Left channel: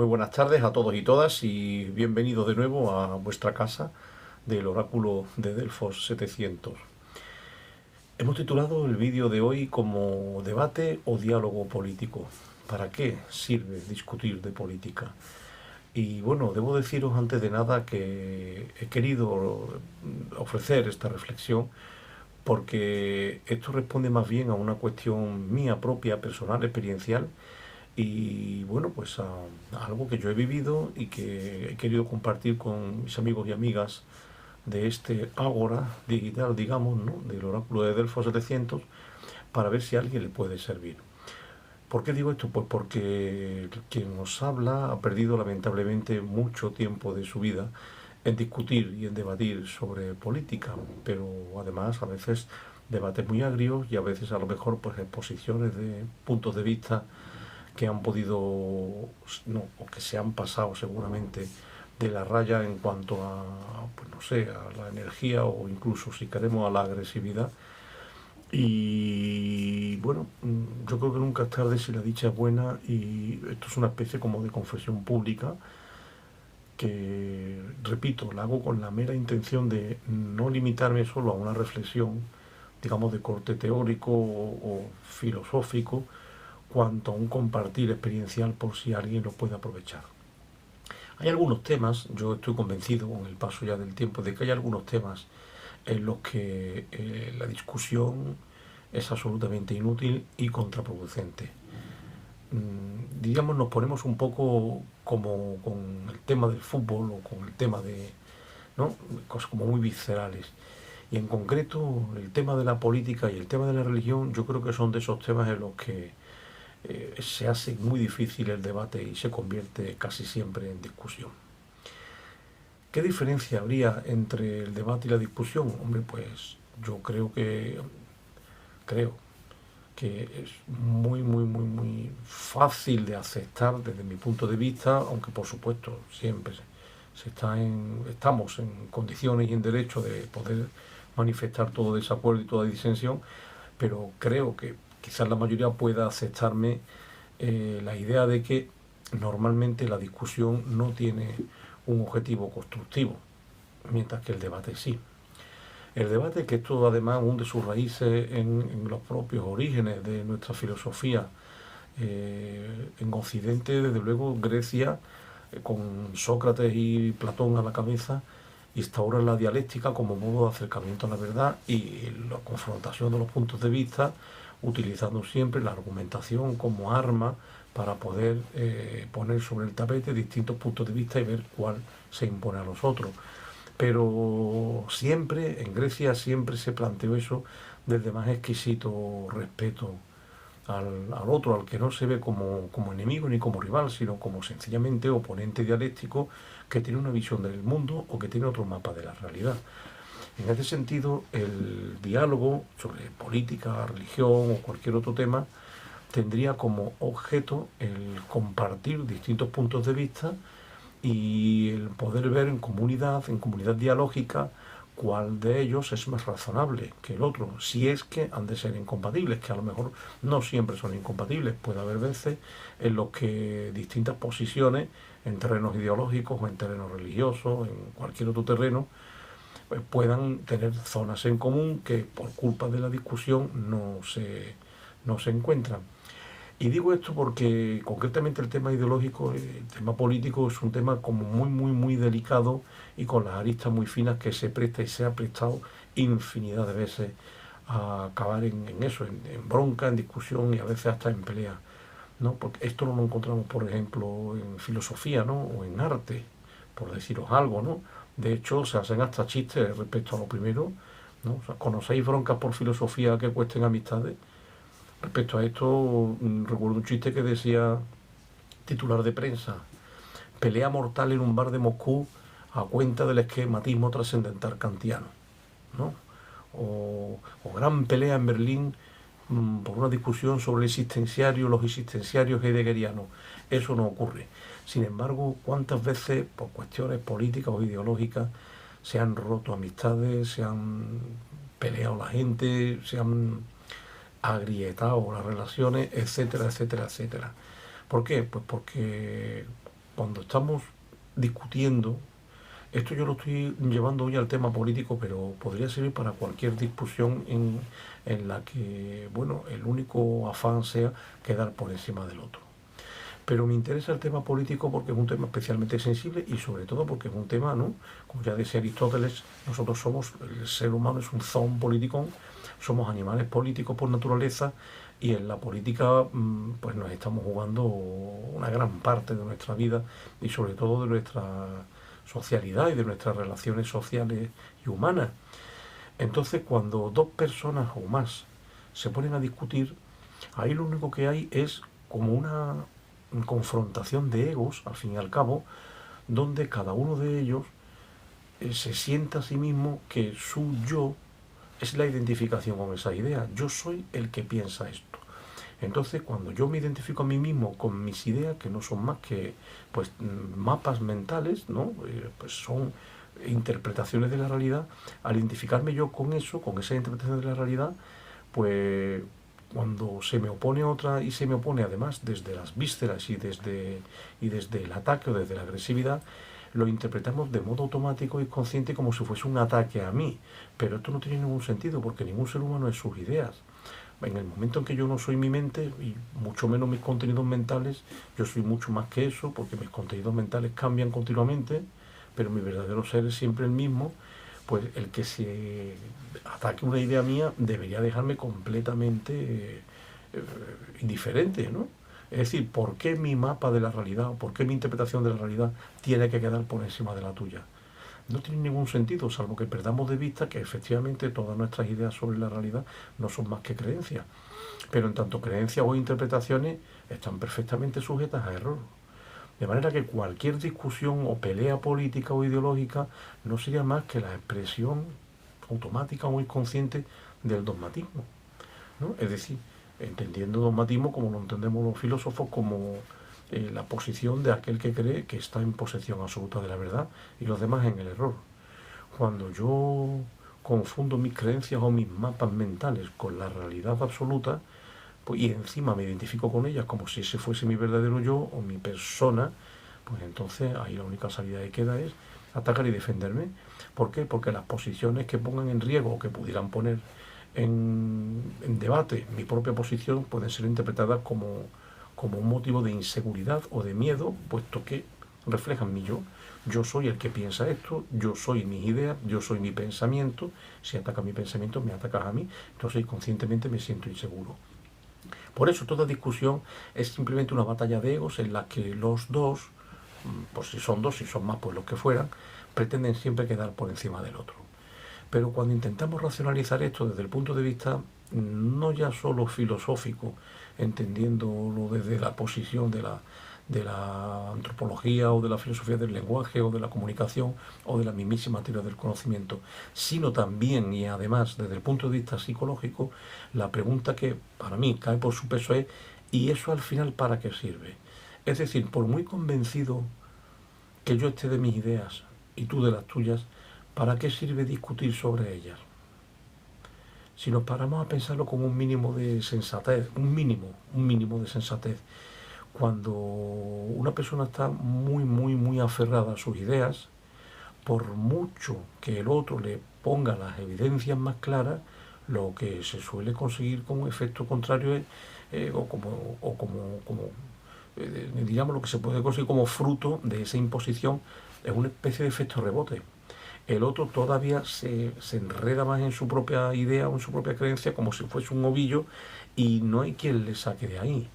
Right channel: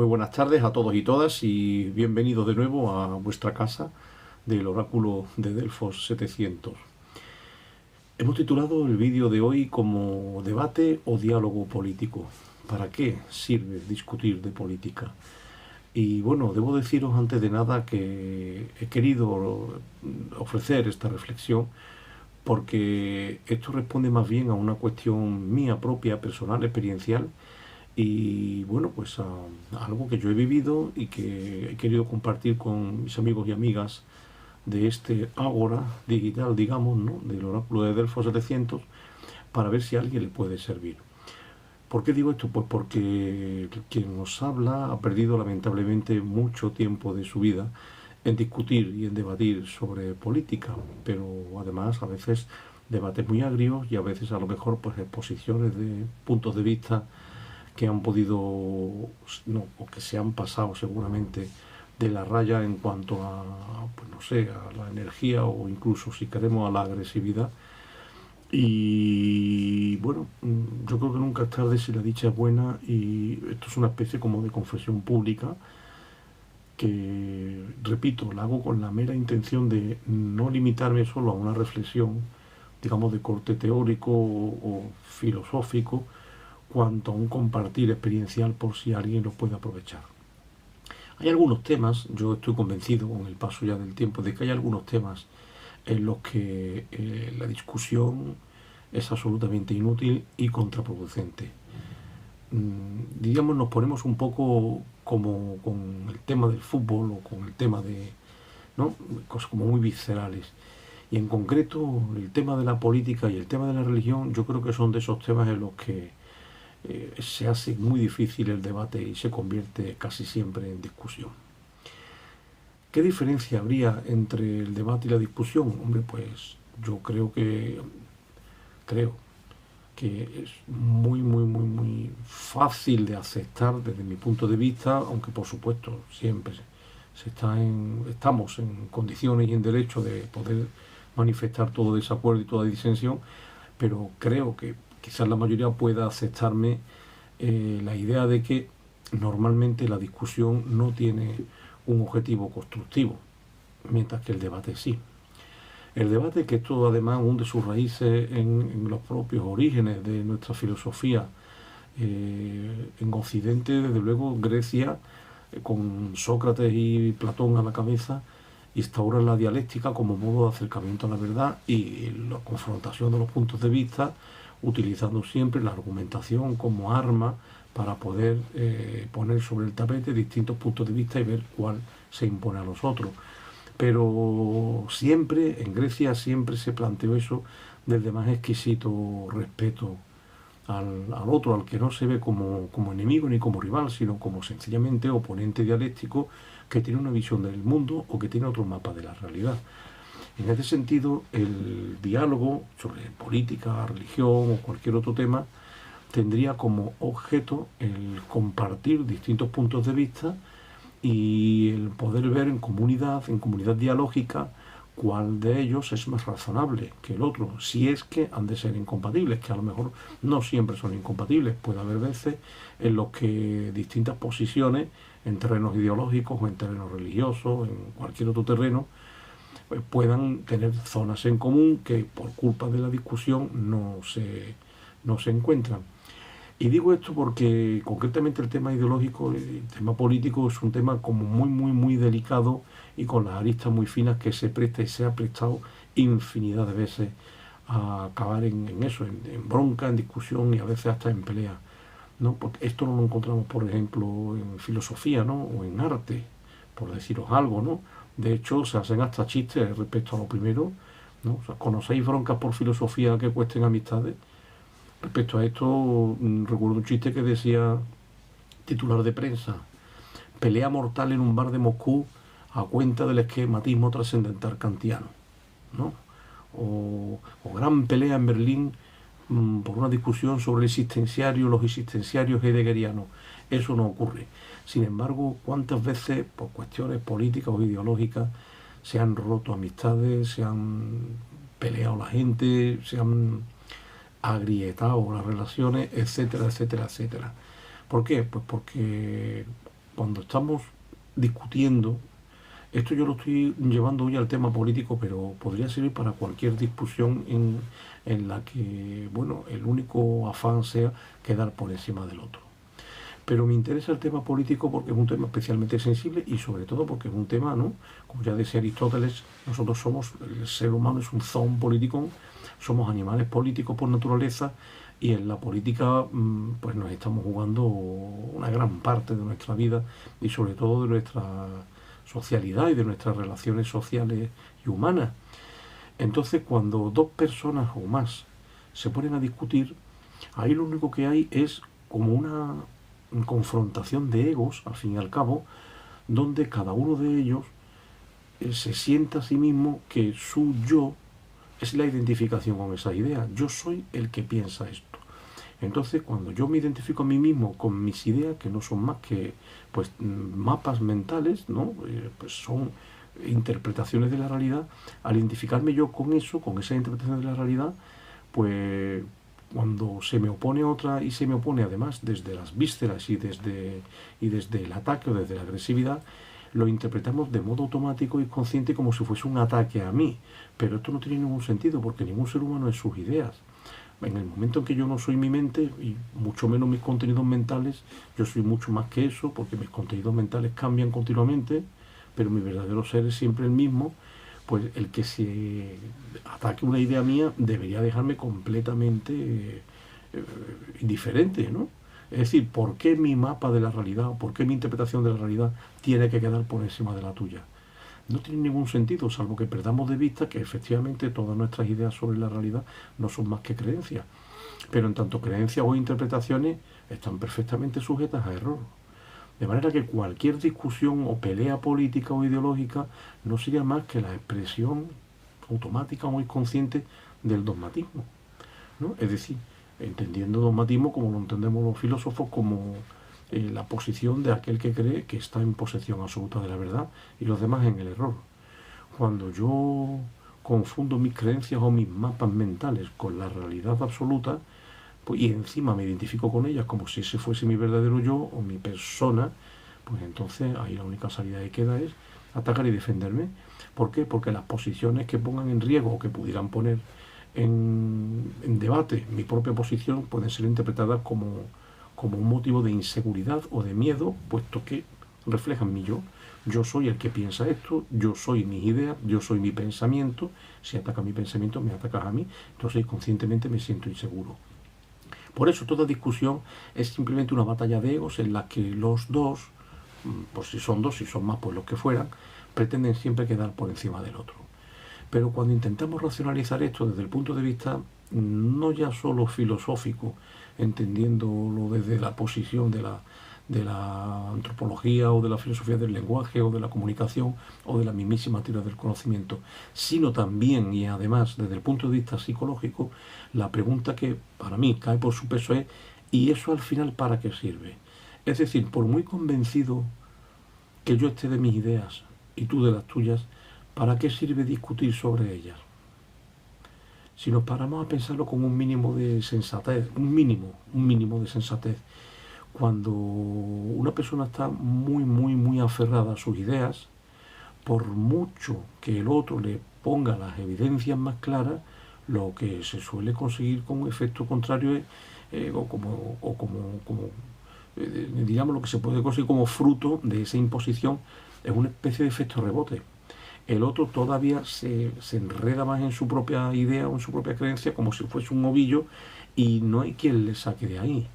Muy buenas tardes a todos y todas y bienvenidos de nuevo a vuestra casa del oráculo de Delfos 700. Hemos titulado el vídeo de hoy como debate o diálogo político. ¿Para qué sirve discutir de política? Y bueno, debo deciros antes de nada que he querido ofrecer esta reflexión porque esto responde más bien a una cuestión mía propia, personal, experiencial y bueno, pues a algo que yo he vivido y que he querido compartir con mis amigos y amigas de este ágora digital, digamos, ¿no? Del oráculo de Delfos 700, para ver si a alguien le puede servir. ¿Por qué digo esto? Pues porque quien nos habla ha perdido lamentablemente mucho tiempo de su vida en discutir y en debatir sobre política, pero además a veces debates muy agrios y a veces a lo mejor pues exposiciones de puntos de vista que han podido, no, o que se han pasado seguramente de la raya en cuanto a, pues no sé, a la energía o incluso si queremos a la agresividad. Y bueno, yo creo que nunca es tarde si la dicha es buena y esto es una especie como de confesión pública que, repito, la hago con la mera intención de no limitarme solo a una reflexión, digamos, de corte teórico o filosófico, cuanto a un compartir experiencial por si alguien lo puede aprovechar. Hay algunos temas, yo estoy convencido con el paso ya del tiempo de que hay algunos temas en los que la discusión es absolutamente inútil y contraproducente. Digamos, nos ponemos un poco como con el tema del fútbol o con el tema de, ¿no? Cosas como muy viscerales. Y en concreto, el tema de la política y el tema de la religión, yo creo que son de esos temas en los que se hace muy difícil el debate y se convierte casi siempre en discusión. ¿Qué diferencia habría entre el debate y la discusión? Hombre, pues yo creo que es muy fácil de aceptar desde mi punto de vista, aunque por supuesto siempre estamos en condiciones y en derecho de poder manifestar todo desacuerdo y toda disensión, pero creo que quizás la mayoría pueda aceptarme la idea de que normalmente la discusión no tiene un objetivo constructivo, mientras que el debate sí. El debate, que esto además hunde sus raíces en los propios orígenes de nuestra filosofía, en Occidente, desde luego, Grecia, con Sócrates y Platón a la cabeza, instaura la dialéctica como modo de acercamiento a la verdad y la confrontación de los puntos de vista, utilizando siempre la argumentación como arma para poder poner sobre el tapete distintos puntos de vista y ver cuál se impone a los otros. Pero siempre, en Grecia, siempre se planteó eso desde más exquisito respeto al otro, al que no se ve como enemigo ni como rival, sino como sencillamente oponente dialéctico que tiene una visión del mundo o que tiene otro mapa de la realidad. En ese sentido, el diálogo sobre política, religión o cualquier otro tema tendría como objeto el compartir distintos puntos de vista y el poder ver en comunidad dialógica, cuál de ellos es más razonable que el otro, si es que han de ser incompatibles, que a lo mejor no siempre son incompatibles. Puede haber veces en los que distintas posiciones en terrenos ideológicos o en terrenos religiosos, en cualquier otro terreno, pues puedan tener zonas en común que por culpa de la discusión no se encuentran. Y digo esto porque concretamente el tema ideológico, el tema político es un tema como muy delicado y con las aristas muy finas que se presta y se ha prestado infinidad de veces a acabar en eso, en bronca, en discusión y a veces hasta en pelea, ¿no? Porque esto no lo encontramos, por ejemplo, en filosofía, ¿no? O en arte, por deciros algo, ¿no? De hecho, se hacen hasta chistes respecto a lo primero, ¿no? O sea, ¿conocéis broncas por filosofía que cuesten amistades? Respecto a esto, recuerdo un chiste que decía, titular de prensa: pelea mortal en un bar de Moscú a cuenta del esquematismo trascendental kantiano, ¿no? O gran pelea en Berlín por una discusión sobre el existenciario, los existenciarios heideggerianos. Eso no ocurre. Sin embargo, ¿cuántas veces, por cuestiones políticas o ideológicas, se han roto amistades, se han peleado la gente, se han agrietado las relaciones, etcétera? ¿Por qué? Pues porque cuando estamos discutiendo, esto yo lo estoy llevando hoy al tema político, pero podría servir para cualquier discusión en la que, bueno, el único afán sea quedar por encima del otro. Pero me interesa el tema político porque es un tema especialmente sensible y sobre todo porque es un tema, ¿no? Como ya decía Aristóteles, nosotros somos, el ser humano es un zoon politikon, somos animales políticos por naturaleza y en la política pues nos estamos jugando una gran parte de nuestra vida y sobre todo de nuestra socialidad y de nuestras relaciones sociales y humanas. Entonces, cuando dos personas o más se ponen a discutir, ahí lo único que hay es como una confrontación de egos, al fin y al cabo, donde cada uno de ellos se sienta a sí mismo que su yo es la identificación con esa idea. Yo soy el que piensa esto. Entonces, cuando yo me identifico a mí mismo con mis ideas, que no son más que pues mapas mentales, ¿no? Pues son interpretaciones de la realidad, al identificarme yo con eso, con esa interpretación de la realidad, pues cuando se me opone otra y se me opone además desde las vísceras y desde el ataque o desde la agresividad, lo interpretamos de modo automático y consciente como si fuese un ataque a mí. Pero esto no tiene ningún sentido porque ningún ser humano es sus ideas. En el momento en que yo no soy mi mente y mucho menos mis contenidos mentales, yo soy mucho más que eso porque mis contenidos mentales cambian continuamente, pero mi verdadero ser es siempre el mismo. Pues el que se ataque una idea mía debería dejarme completamente indiferente, ¿no? Es decir, ¿por qué mi mapa de la realidad, por qué mi interpretación de la realidad tiene que quedar por encima de la tuya? No tiene ningún sentido, salvo que perdamos de vista que efectivamente todas nuestras ideas sobre la realidad no son más que creencias. Pero en tanto creencias o interpretaciones están perfectamente sujetas a error. De manera que cualquier discusión o pelea política o ideológica no sería más que la expresión automática o inconsciente del dogmatismo, ¿no? Es decir, entendiendo dogmatismo como lo entendemos los filósofos, como la posición de aquel que cree que está en posesión absoluta de la verdad y los demás en el error. Cuando yo confundo mis creencias o mis mapas mentales con la realidad absoluta, pues, y encima me identifico con ellas como si ese fuese mi verdadero yo o mi persona, pues entonces ahí la única salida que queda es atacar y defenderme. ¿Por qué? Porque las posiciones que pongan en riesgo o que pudieran poner en debate mi propia posición pueden ser interpretadas como un motivo de inseguridad o de miedo, puesto que reflejan mi yo. Yo soy el que piensa esto, yo soy mis ideas, yo soy mi pensamiento. Si atacas mi pensamiento, me atacas a mí. Entonces, conscientemente me siento inseguro. Por eso, toda discusión es simplemente una batalla de egos en la que los dos, pues si son dos, si son más, pues los que fueran, pretenden siempre quedar por encima del otro. Pero cuando intentamos racionalizar esto desde el punto de vista no ya solo filosófico, entendiéndolo desde la posición de la antropología o de la filosofía del lenguaje o de la comunicación o de la mismísima teoría del conocimiento, sino también y además desde el punto de vista psicológico, la pregunta que para mí cae por su peso es ¿y eso al final para qué sirve? Es decir, por muy convencido que yo esté de mis ideas y tú de las tuyas, ¿para qué sirve discutir sobre ellas? Si nos paramos a pensarlo con un mínimo de sensatez, un mínimo de sensatez, cuando una persona está muy, muy, muy aferrada a sus ideas, por mucho que el otro le ponga las evidencias más claras, lo que se suele conseguir como efecto contrario es, digamos, lo que se puede conseguir como fruto de esa imposición es una especie de efecto rebote. El otro todavía se enreda más en su propia idea o en su propia creencia como si fuese un ovillo y no hay quien le saque de ahí.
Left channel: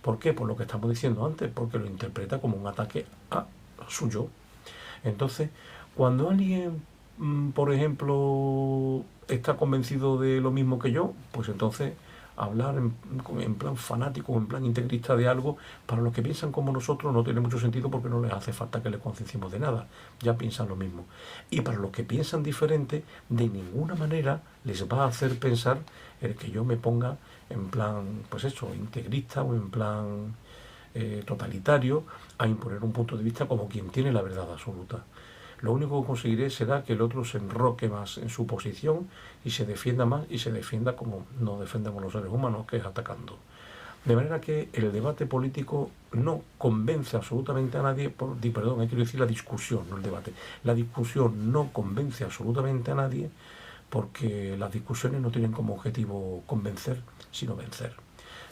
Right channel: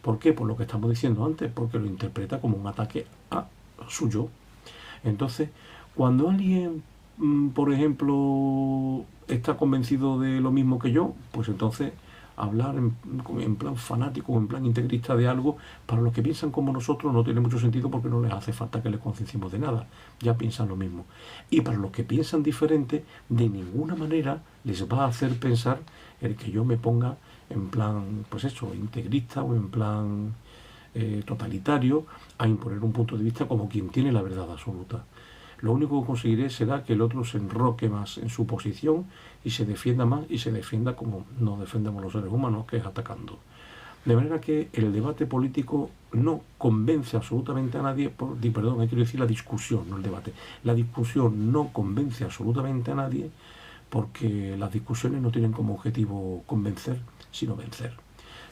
¿Por qué? Por lo que estamos diciendo antes, porque lo interpreta como un ataque a su yo. Entonces, cuando alguien, por ejemplo, está convencido de lo mismo que yo, pues entonces hablar en plan fanático, en plan integrista de algo, para los que piensan como nosotros no tiene mucho sentido porque no les hace falta que les concienciemos de nada, ya piensan lo mismo. Y para los que piensan diferente, de ninguna manera les va a hacer pensar el que yo me ponga en plan, pues eso, integrista o en plan totalitario a imponer un punto de vista como quien tiene la verdad absoluta. Lo único que conseguiré será que el otro se enroque más en su posición y se defienda más y se defienda como nos defendemos los seres humanos, que es atacando. De manera que el debate político no convence absolutamente a nadie, perdón, hay que decir la discusión, no el debate. La discusión no convence absolutamente a nadie porque las discusiones no tienen como objetivo convencer, sino vencer.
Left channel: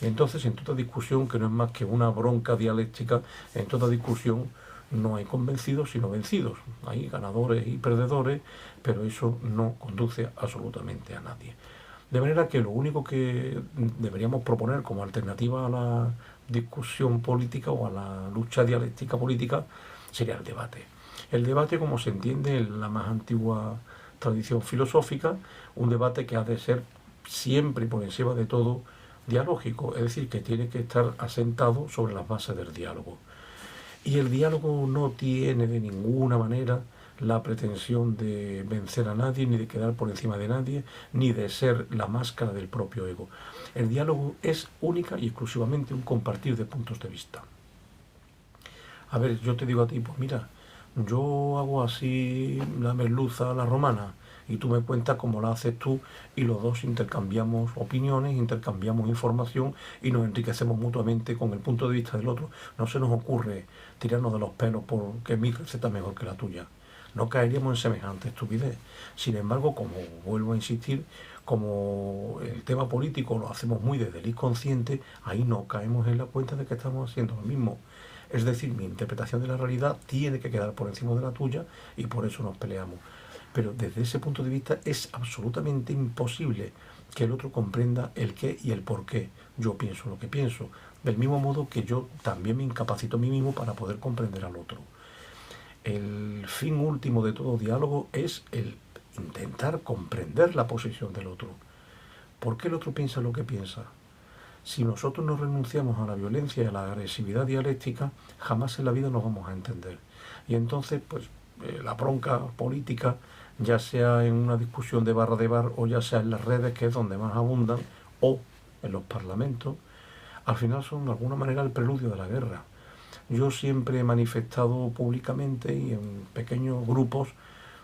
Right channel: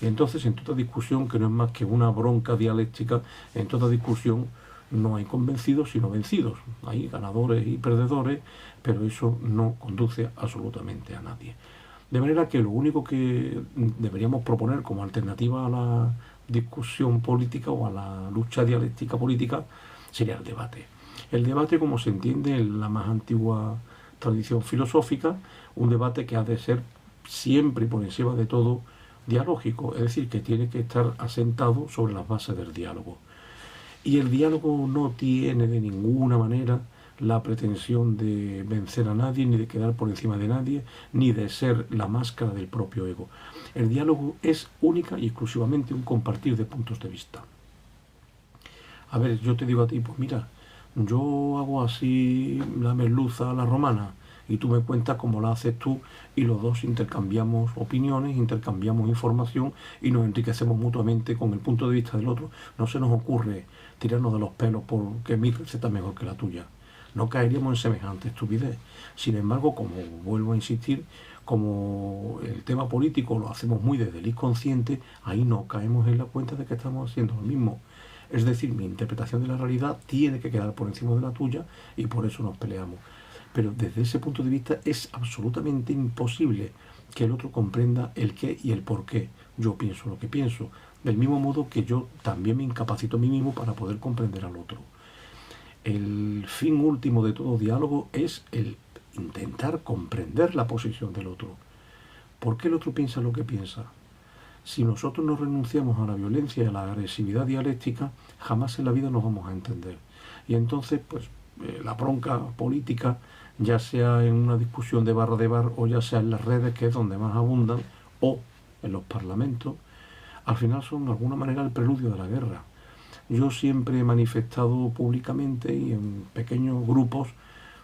Y entonces en toda discusión, que no es más que una bronca dialéctica, en toda discusión no hay convencidos sino vencidos. Hay ganadores y perdedores, pero eso no conduce absolutamente a nadie. De manera que lo único que deberíamos proponer como alternativa a la discusión política o a la lucha dialéctica política sería el debate. El debate, como se entiende en la más antigua tradición filosófica, un debate que ha de ser siempre y por encima de todo dialógico, es decir, que tiene que estar asentado sobre las bases del diálogo. Y el diálogo no tiene de ninguna manera la pretensión de vencer a nadie, ni de quedar por encima de nadie, ni de ser la máscara del propio ego. El diálogo es única y exclusivamente un compartir de puntos de vista. A ver, yo te digo a ti, pues mira, yo hago así la merluza a la romana y tú me cuentas cómo la haces tú y los dos intercambiamos opiniones, intercambiamos información y nos enriquecemos mutuamente con el punto de vista del otro. No se nos ocurre tirarnos de los pelos porque mi receta es mejor que la tuya. No caeríamos en semejante estupidez. Sin embargo, como vuelvo a insistir, como el tema político lo hacemos muy desde el inconsciente, ahí no caemos en la cuenta de que estamos haciendo lo mismo. Es decir, mi interpretación de la realidad tiene que quedar por encima de la tuya y por eso nos peleamos. Pero desde ese punto de vista es absolutamente imposible que el otro comprenda el qué y el por qué yo pienso lo que pienso. Del mismo modo que yo también me incapacito a mí mismo para poder comprender al otro. El fin último de todo diálogo es el intentar comprender la posición del otro. ¿Por qué el otro piensa lo que piensa? Si nosotros no renunciamos a la violencia y a la agresividad dialéctica, jamás en la vida nos vamos a entender. Y entonces, pues, la bronca política, ya sea en una discusión de bar o ya sea en las redes, que es donde más abundan, o en los parlamentos, al final son de alguna manera el preludio de la guerra. Yo siempre he manifestado públicamente y en pequeños grupos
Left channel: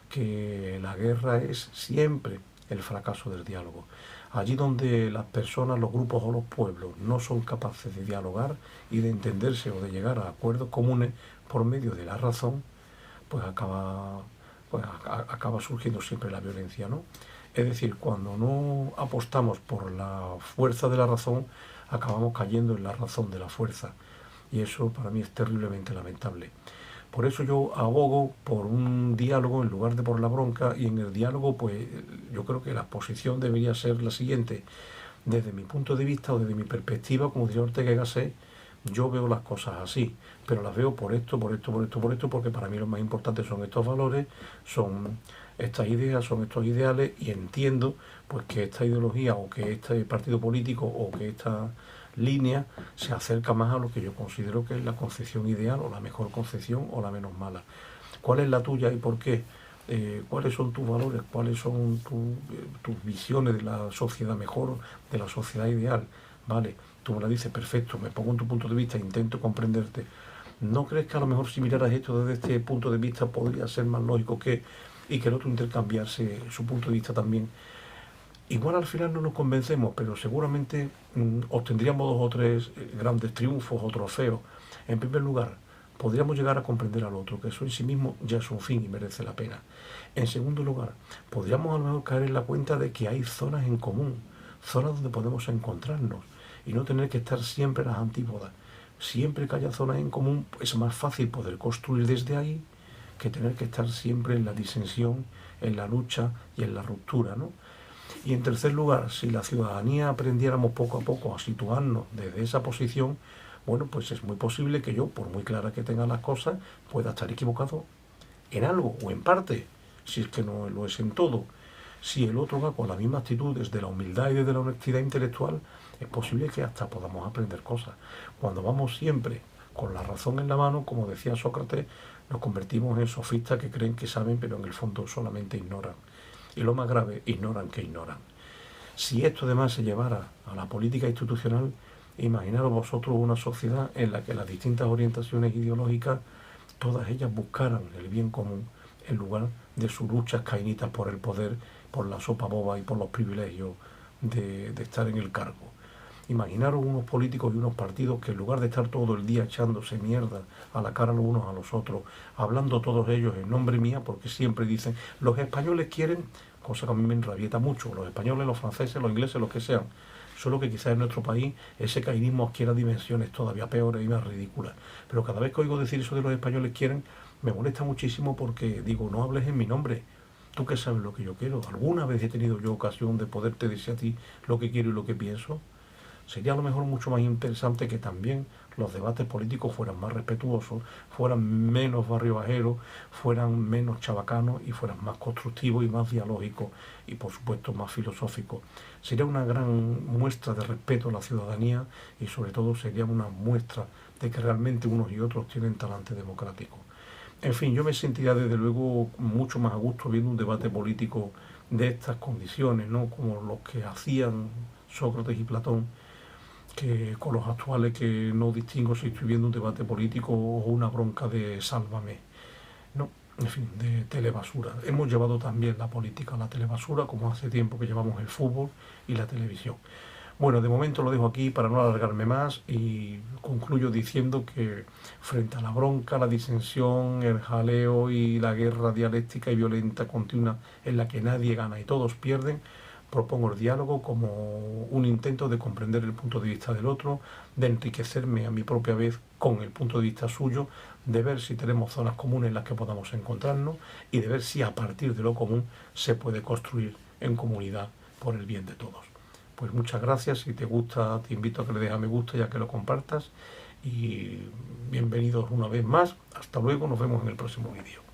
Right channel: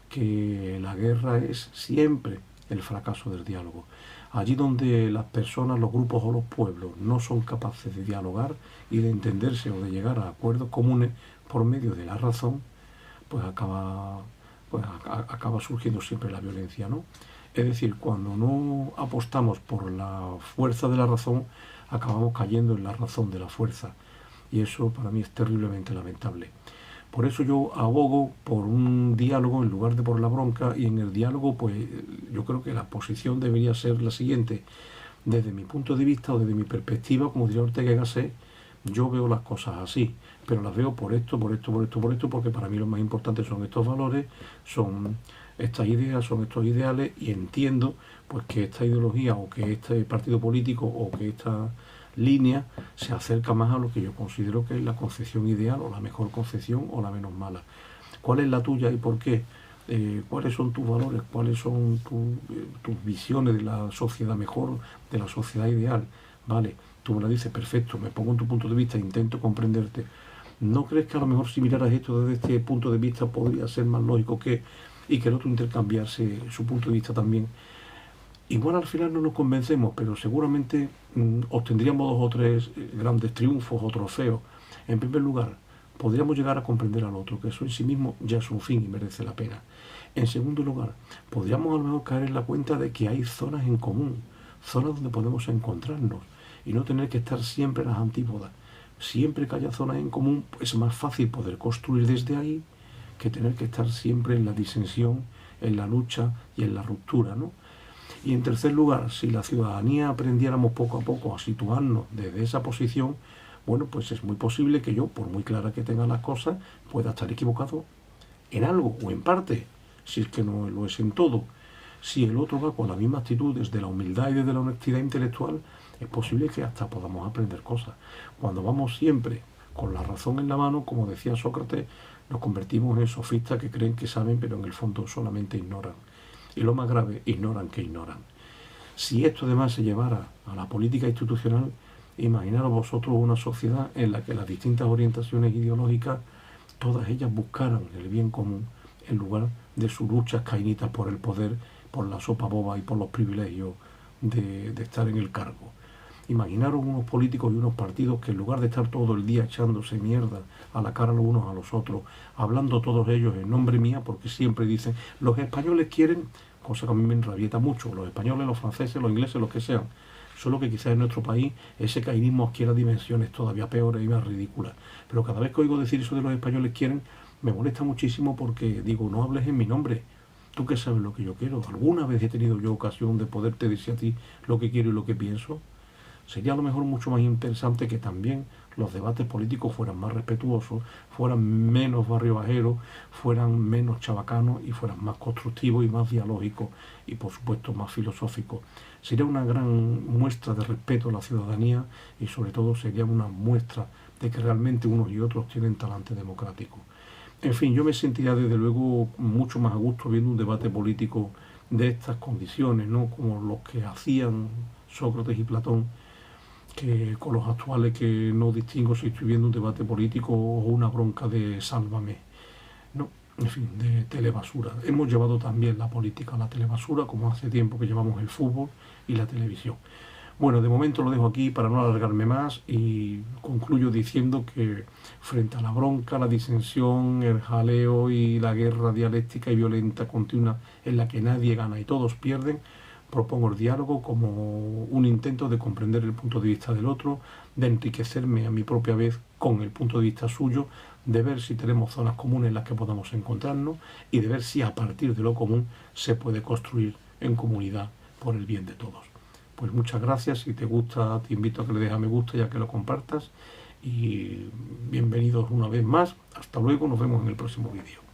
que la guerra es siempre el fracaso del diálogo. Allí donde las personas, los grupos o los pueblos no son capaces de dialogar y de entenderse o de llegar a acuerdos comunes por medio de la razón, pues acaba surgiendo siempre la violencia, ¿no? Es decir, cuando no apostamos por la fuerza de la razón, acabamos cayendo en la razón de la fuerza. Y eso para mí es terriblemente lamentable. Por eso yo abogo por un diálogo en lugar de por la bronca, y en el diálogo pues yo creo que la posición debería ser la siguiente. Desde mi punto de vista o desde mi perspectiva, como diría Ortega y Gasset, yo veo las cosas así, pero las veo por esto, porque para mí lo más importante son estos valores, son estas ideas, son estos ideales, y entiendo pues que esta ideología o que este partido político o que esta línea se acerca más a lo que yo considero que es la concepción ideal o la mejor concepción o la menos mala. ¿Cuál es la tuya y por qué? ¿Cuáles son tus valores? ¿Cuáles son tus visiones de la sociedad mejor, de la sociedad ideal? Vale, tú me la dices, perfecto, me pongo en tu punto de vista, intento comprenderte. ¿No crees que a lo mejor si miraras esto desde este punto de vista podría ser más lógico y que el otro intercambiarse su punto de vista también? Igual al final no nos convencemos, pero seguramente obtendríamos 2 o 3 grandes triunfos o trofeos. En primer lugar, podríamos llegar a comprender al otro, que eso en sí mismo ya es un fin y merece la pena. En segundo lugar, podríamos a lo mejor caer en la cuenta de que hay zonas en común, zonas donde podemos encontrarnos y no tener que estar siempre en las antípodas. Siempre que haya zonas en común, es más fácil poder construir desde ahí que tener que estar siempre en la disensión, en la lucha y en la ruptura, ¿no? Y en tercer lugar, si la ciudadanía aprendiéramos poco a poco a situarnos desde esa posición, bueno, pues es muy posible que yo, por muy clara que tenga las cosas, pueda estar equivocado en algo o en parte, si es que no lo es en todo. Si el otro va con la misma actitud desde la humildad y desde la honestidad intelectual, es posible que hasta podamos aprender cosas. Cuando vamos siempre con la razón en la mano, como decía Sócrates, nos convertimos en sofistas que creen que saben, pero en el fondo solamente ignoran. Y lo más grave, ignoran que ignoran. Si esto además se llevara a la política institucional, imaginaros vosotros una sociedad en la que las distintas orientaciones ideológicas, todas ellas buscaran el bien común en lugar de sus luchas caínitas por el poder, por la sopa boba y por los privilegios de estar en el cargo. Imaginaros unos políticos y unos partidos que en lugar de estar todo el día echándose mierda a la cara los unos a los otros, hablando todos ellos en nombre mía, porque siempre dicen, los españoles quieren, cosa que a mí me enrabieta mucho, los españoles, los franceses, los ingleses, los que sean, solo que quizás en nuestro país ese cainismo adquiera dimensiones todavía peores y más ridículas. Pero cada vez que oigo decir eso de los españoles quieren, me molesta muchísimo porque digo, no hables en mi nombre. Tú que sabes lo que yo quiero. ¿Alguna vez he tenido yo ocasión de poderte decir a ti lo que quiero y lo que pienso? Sería a lo mejor mucho más interesante que también los debates políticos fueran más respetuosos, fueran menos barriobajeros, fueran menos chabacanos y fueran más constructivos y más dialógicos y por supuesto más filosóficos. Sería una gran muestra de respeto a la ciudadanía y sobre todo sería una muestra de que realmente unos y otros tienen talante democrático. En fin, yo me sentiría desde luego mucho más a gusto viendo un debate político de estas condiciones, ¿no? Como los que hacían Sócrates y Platón, que con los actuales que no distingo si estoy viendo un debate político o una bronca de sálvame, ¿no? En fin, de telebasura. Hemos llevado también la política a la telebasura, como hace tiempo que llevamos el fútbol y la televisión. Bueno, de momento lo dejo aquí para no alargarme más y concluyo diciendo que frente a la bronca, la disensión, el jaleo y la guerra dialéctica y violenta continua en la que nadie gana y todos pierden, propongo el diálogo como un intento de comprender el punto de vista del otro, de enriquecerme a mi propia vez con el punto de vista suyo, de ver si tenemos zonas comunes en las que podamos encontrarnos y de ver si a partir de lo común se puede construir en comunidad por el bien de todos. Pues muchas gracias, si te gusta te invito a que le dejes a me gusta y a que lo compartas y bienvenidos una vez más, hasta luego, nos vemos en el próximo vídeo.